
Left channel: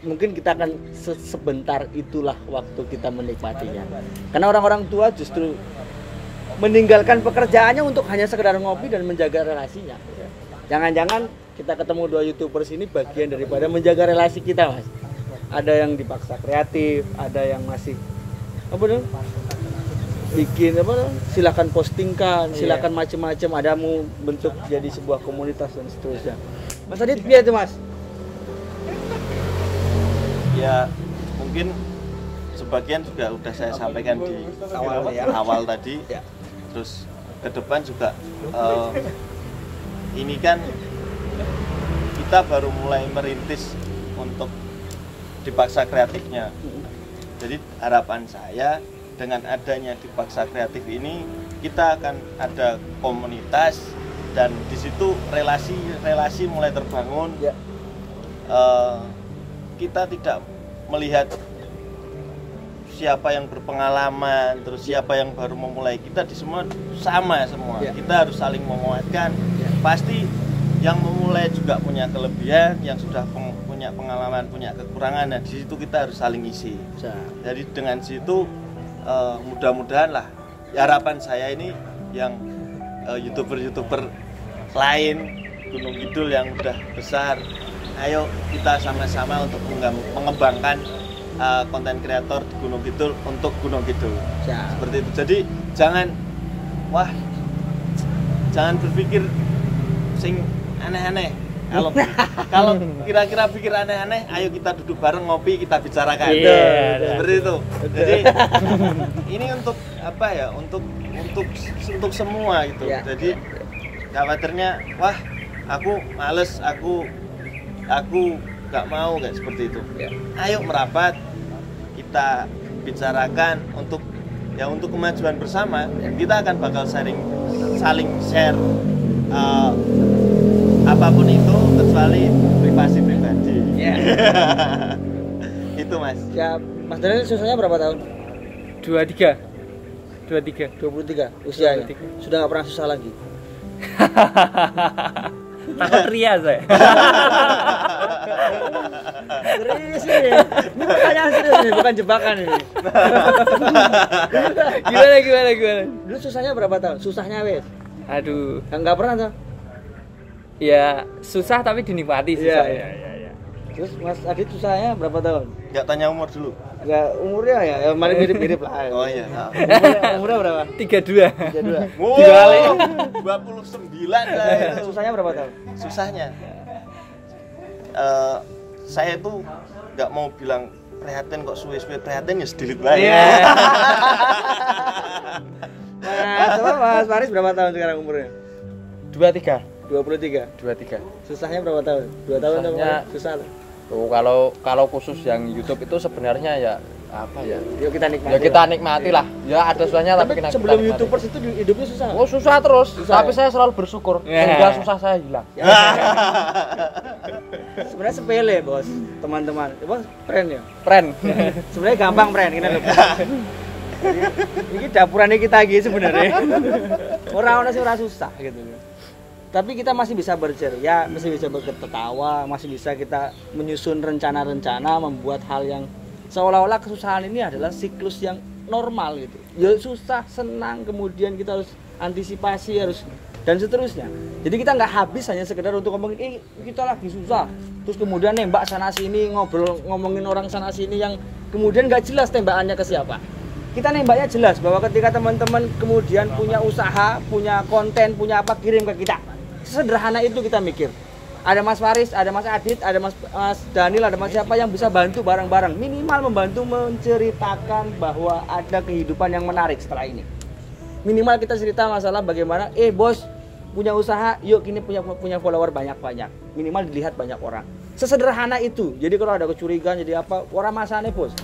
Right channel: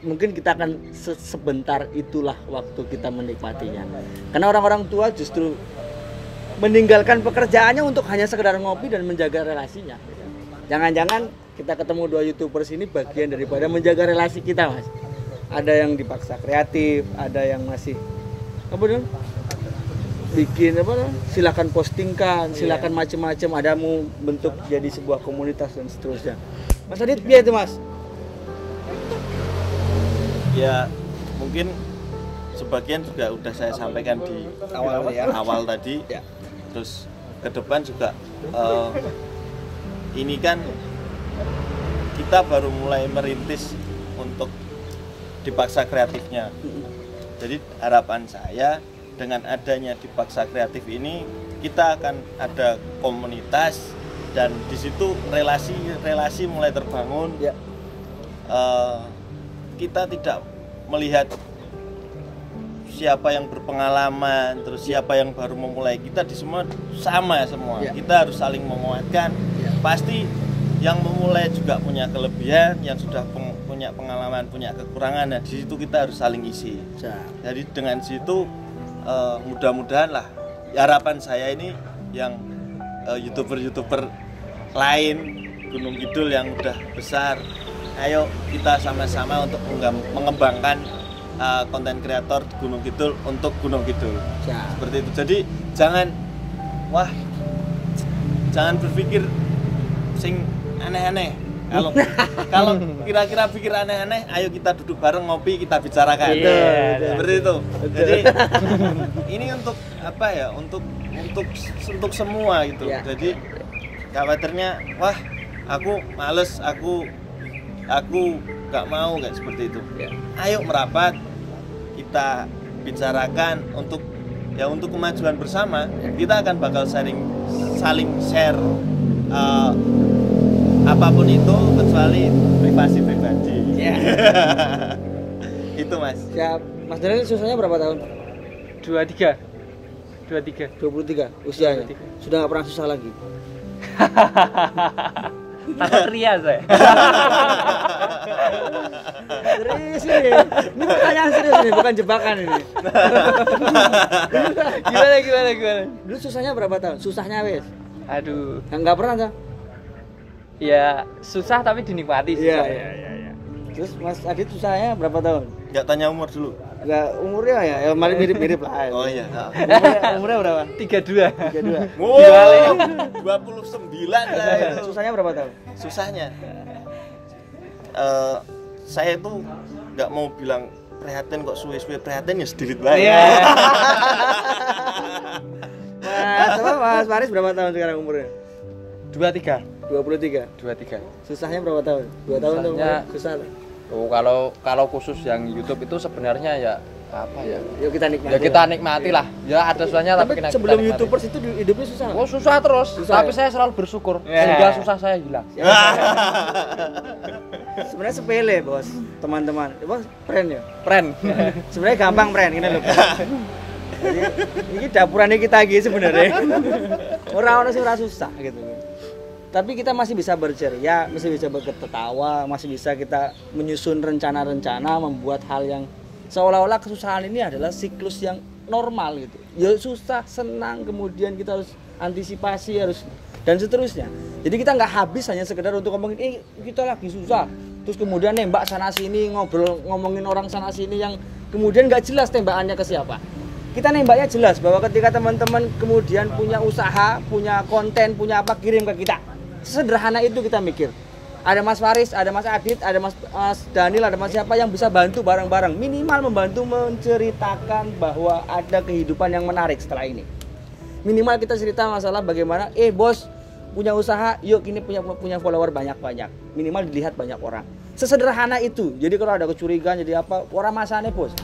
mungkin kita akan sebentar itulah waktu kita menikmatinya. Karena orang-orang tua justru meninggalkan pekerjaannya untuk hanya sekedar ngopi dan menjaga relasinya. Jangan-jangan kita ketemu dua YouTubers ini bagian daripada menjaga relasi kita, Mas. Ada yang dipaksa kreatif, ada yang masih bikin silakan postingkan, silakan macam-macam, ada mau bentuk jadi sebuah komunitas dan seterusnya. Mas Adit biar itu, Mas. Ya mungkin sebagian juga udah saya sampaikan di awal tadi ya. Terus ke depan juga ini kan kita baru mulai merintis untuk dipaksa kreatifnya. Jadi harapan saya dengan adanya dipaksa kreatif ini kita akan ada komunitas dan di situ relasi mulai terbangun ya. Kita tidak melihat siapa yang berpengalaman terus siapa yang baru memulai, kita di semua sama semua ya. Kita harus saling menguatkan. Pasti yang memulai juga punya kelebihan, yang sudah punya pengalaman, punya kekurangan. Nah di situ kita harus saling isi ya. Jadi dengan situ mudah-mudahan lah harapan saya ini yang YouTuber lain Gunung Kidul yang udah besar, ayo kita sama-sama untuk mengembangkan konten kreator di Gunung Kidul untuk Gunung Kidul ya. Seperti itu. Jadi jangan berpikir sing aneh-aneh. Kalau kira-kira pikir aneh-aneh, ayo kita duduk bareng ngopi, kita bicarakan. Seperti itu. Jadi ini untuk apa ya? Untuk semua gitu. Ya. Jadi khawatirnya aku males, aku nggak mau kayak seperti itu. Ya. Ayo merapat, kita bicarakan untuk kemajuan bersama. Kita akan bakal saling share apapun itu kecuali privasi ya. Itu Mas ya. Mas Daniel susahnya berapa tahun? 23 usianya 23. Sudah nggak pernah susah lagi. Takut ria saya. Serius ini pertanyaan serius ini, bukan jebakan ini. Gimana? Dulu susahnya berapa tahun? Susahnya wes? Aduh, nggak pernah tuh. Ya susah tapi dinikmati sih. Iya. Terus Mas Adit susahnya berapa tahun? Nggak tanya umur dulu. Nggak, umurnya ya malah mirip-mirip lah. Oh iya. Umurnya berapa? 32. Wow, 29 lah itu. Susahnya berapa tahun? Susahnya saya tuh nggak mau bilang prihatin kok, suwe-suwe prihatin ya sedikit banyak. Mas Faris berapa tahun sekarang umurnya? 23. Susahnya berapa tahun? 2 tahun susah. Oh, kalau khusus yang YouTube itu sebenarnya ya apa ya? Yuk kita nikmati. Ya kita nikmati lah. Ya ada susahnya tapi kita sebelum nikmati. YouTubers itu hidupnya susah. Oh, susah terus. Tapi saya selalu bersyukur sehingga susah saya hilang. Sebenarnya sepele, Bos. Teman-teman. Bos, keren ya? Keren. Sebenarnya gampang, friend. Ini dapurannya kita gitu sebenarnya. Orang-orang sih susah gitu ya. Tapi kita masih bisa berceria, masih bisa berketawa, masih bisa kita menyusun rencana-rencana, membuat hal yang seolah-olah kesusahan ini adalah siklus yang normal gitu. Ya susah, senang, kemudian kita harus antisipasi, harus dan seterusnya. Jadi kita nggak habis hanya sekedar untuk ngomongin kita lagi susah, terus kemudian nembak sana sini, ngomongin orang sana sini yang kemudian nggak jelas tembakannya ke siapa. Kita nembaknya jelas bahwa ketika teman-teman kemudian punya usaha, punya konten, punya apa, kirim ke kita. Sederhana itu kita mikir. Ada Mas Faris, ada Mas Adit, ada Mas Daniel, ada Mas siapa yang bisa bantu bareng-bareng. Minimal membantu menceritakan bahwa ada kehidupan yang menarik setelah ini. Minimal kita cerita masalah bagaimana, bos, punya usaha, yuk kini punya follower banyak-banyak, minimal dilihat banyak orang. Sesederhana itu. Jadi kalau ada kecurigaan jadi apa, orang masane bos.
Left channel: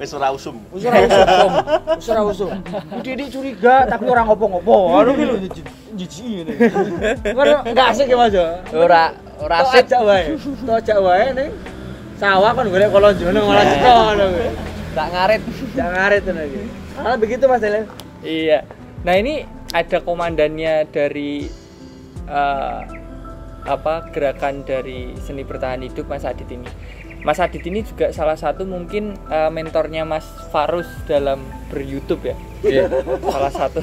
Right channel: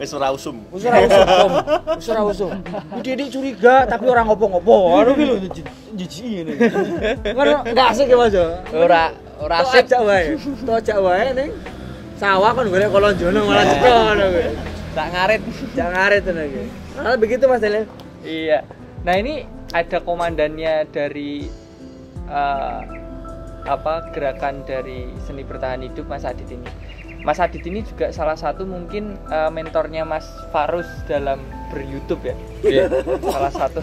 Wis ora usum. Usah usum. Iki curiga tapi orang ngopo-ngopo. Aduh lho jijik ini. Enggak asik ya Mas. Ora asik. Tok ajak wae ning sawah kon golek kolonjono malah cetok. Tak ngarit. Jangan ngarit tenan iki. Ah begitu Mas Delen. Iya. Nah ini ada komandannya dari gerakan dari seni bertahan hidup Mas Adit ini. Mas Adit ini juga salah satu mungkin mentornya Mas Farus dalam ber-YouTube ya. Iya. Salah satu.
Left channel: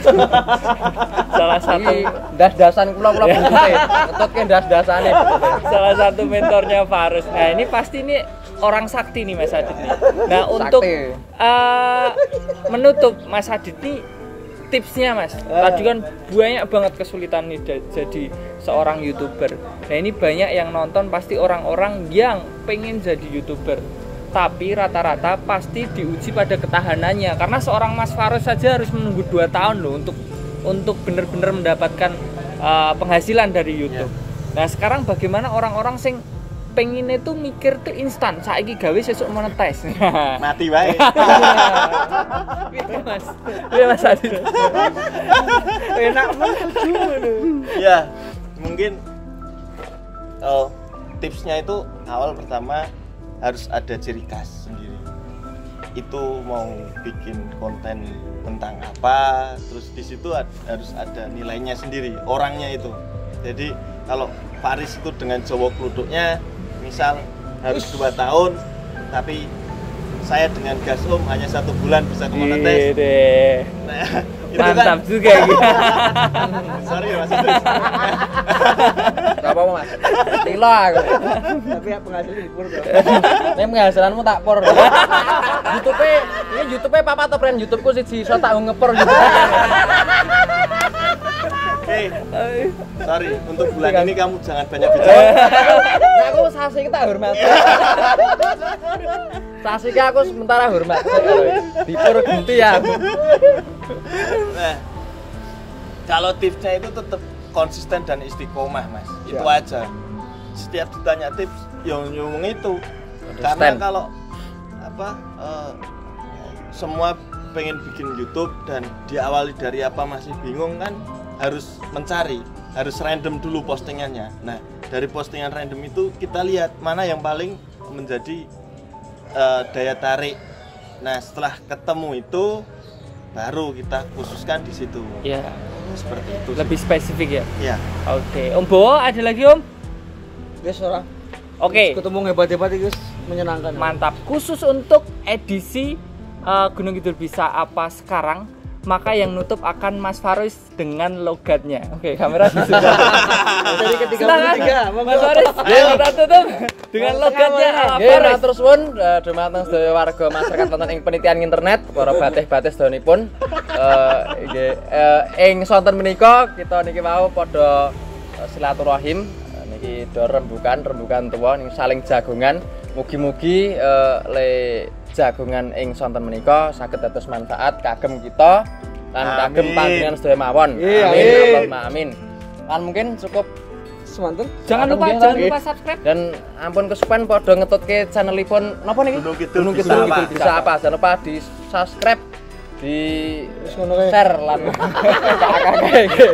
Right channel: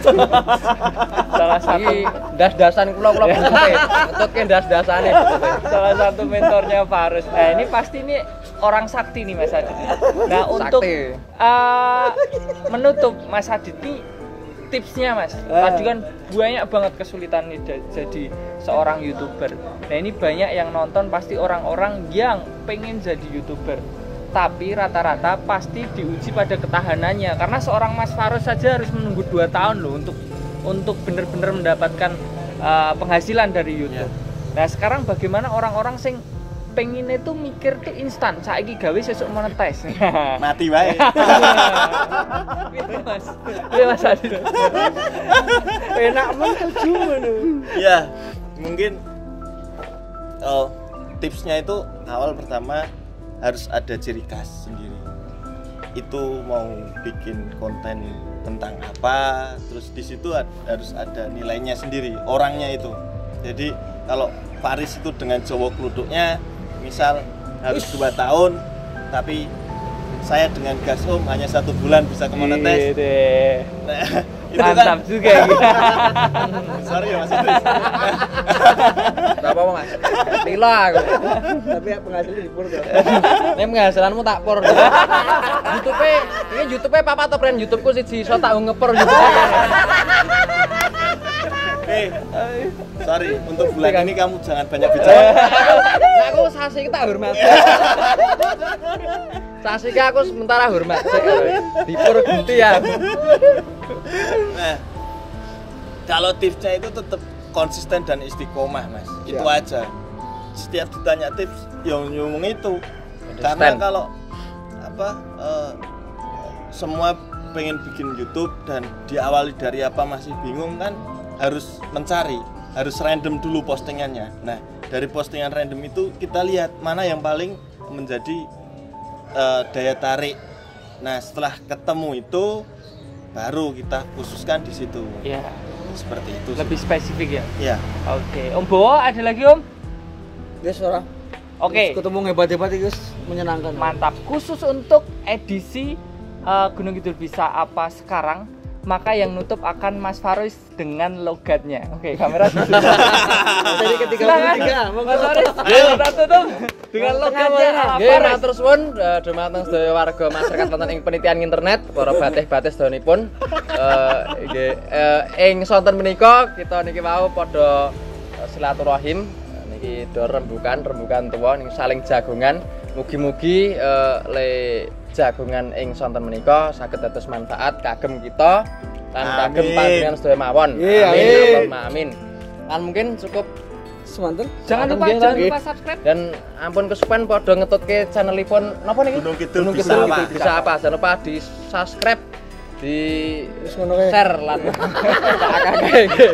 Iki das-dasan kula butute. Ngetutke das-dasane butute. Salah satu mentornya Farus. Nah, ini pasti ini orang sakti nih Mas Adit nih. Nah, untuk menutup Mas Adit ini tipsnya Mas, tadi kan banyak banget kesulitan nih jadi seorang YouTuber. Nah ini banyak yang nonton pasti orang-orang yang pengen jadi YouTuber, tapi rata-rata pasti diuji pada ketahanannya. Karena seorang Mas Farus saja harus menunggu 2 tahun loh untuk benar-benar mendapatkan penghasilan dari YouTube. Nah sekarang bagaimana orang-orang sing pengen itu mikir tuh instan, saiki gawe sesuk monetis. Mati wae. Gitu Mas. Iya Mas Adi. Enak banget tuju ngono. Ya, mungkin tipsnya itu awal pertama harus ada ciri khas sendiri. Itu mau bikin konten tentang apa, terus di situ harus ada nilainya sendiri, orangnya itu. Jadi kalau Faris itu dengan Jawa Kluduknya misal harus 2 tahun, tapi saya dengan Gasum hanya 1 bulan bisa ke monetis. Nah, itu mantap kan juga ya. Sorry Mas Idris. Gak apa-apa Mas. Lila aku. Tapi ya penghasilan dipur tuh. Nek penghasilanmu tak por. YouTube-e papa atau brand YouTube-ku siji iso tak ngepor YouTube. Sorry, untuk bulan ini kamu jangan banyak bicara. Nah aku sasi kita hormat. Sasi aku sementara hormat. Dipur ganti ya. Nah, kalau tipsnya itu tetap konsisten dan istiqomah Mas. Itu aja. Setiap ditanya tips yang ngomong itu. Karena kalau semua pengen bikin YouTube dan diawali dari apa masih bingung kan, harus mencari, harus random dulu postingannya. Nah, dari postingan random itu kita lihat mana yang paling menjadi daya tarik. Nah, setelah ketemu itu baru kita khususkan di situ. Iya. Seperti itu. Lebih spesifik ya. Iya. Oke. Om Bowo ada lagi Om? Yes, ora. Oke. Ketemu hebat-hebat guys, menyenangkan. Mantap. Khusus untuk edisi Gunung Kidul Bisa Apa Sekarang, maka yang nutup akan Mas Farus dengan logatnya. Oke, kamera sudah. Jadi ketika Mas Farus, kita tutup dengan logatnya. Nggih, matur suwun dhumateng sedaya warga masyarakat wonten ing penitian internet, para batih-batih sedanipun. Nggih, ing sonten menika kita niki wau padha silaturahim. Niki do rembukan tuwa ning saling jagongan. Mugi-mugi le jagongan ing sonten menika saged dados manfaat kagem kita lan kagem panjenengan sedaya mawon. Amin Allahumma amin. Lan mungkin cukup semanten. Jangan lupa subscribe dan ampun kesupen padha ngetutke channelipun napa niki? Gunung Kidul Bisa Apa. Jangan lupa di subscribe, di share lan kakak iki.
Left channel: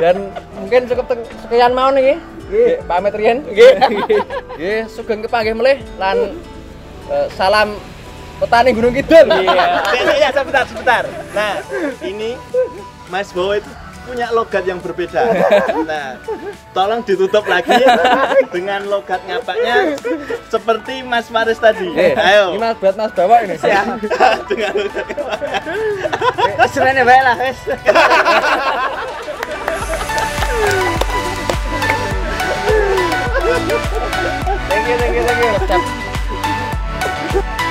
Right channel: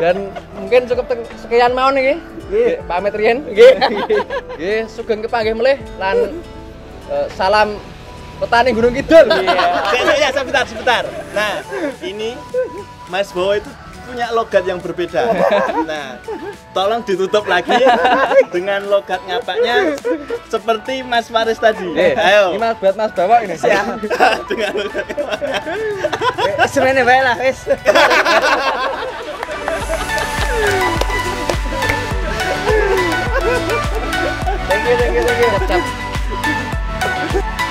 Dan mungkin cukup sekian mawon niki. Nggih, pamit riyen. Nggih, sugeng kepanggih melih lan salam petani Gunung Kidul. Iya. Sebentar. Nah, ini Mas Bowo itu punya logat yang berbeda. Nah, tolong ditutup lagi dengan logat ngapaknya seperti Mas Faris tadi. Ayo. Ini Mas buat Mas Bawa ini. Dengan logat. Senene bae lah, wis. Thank you.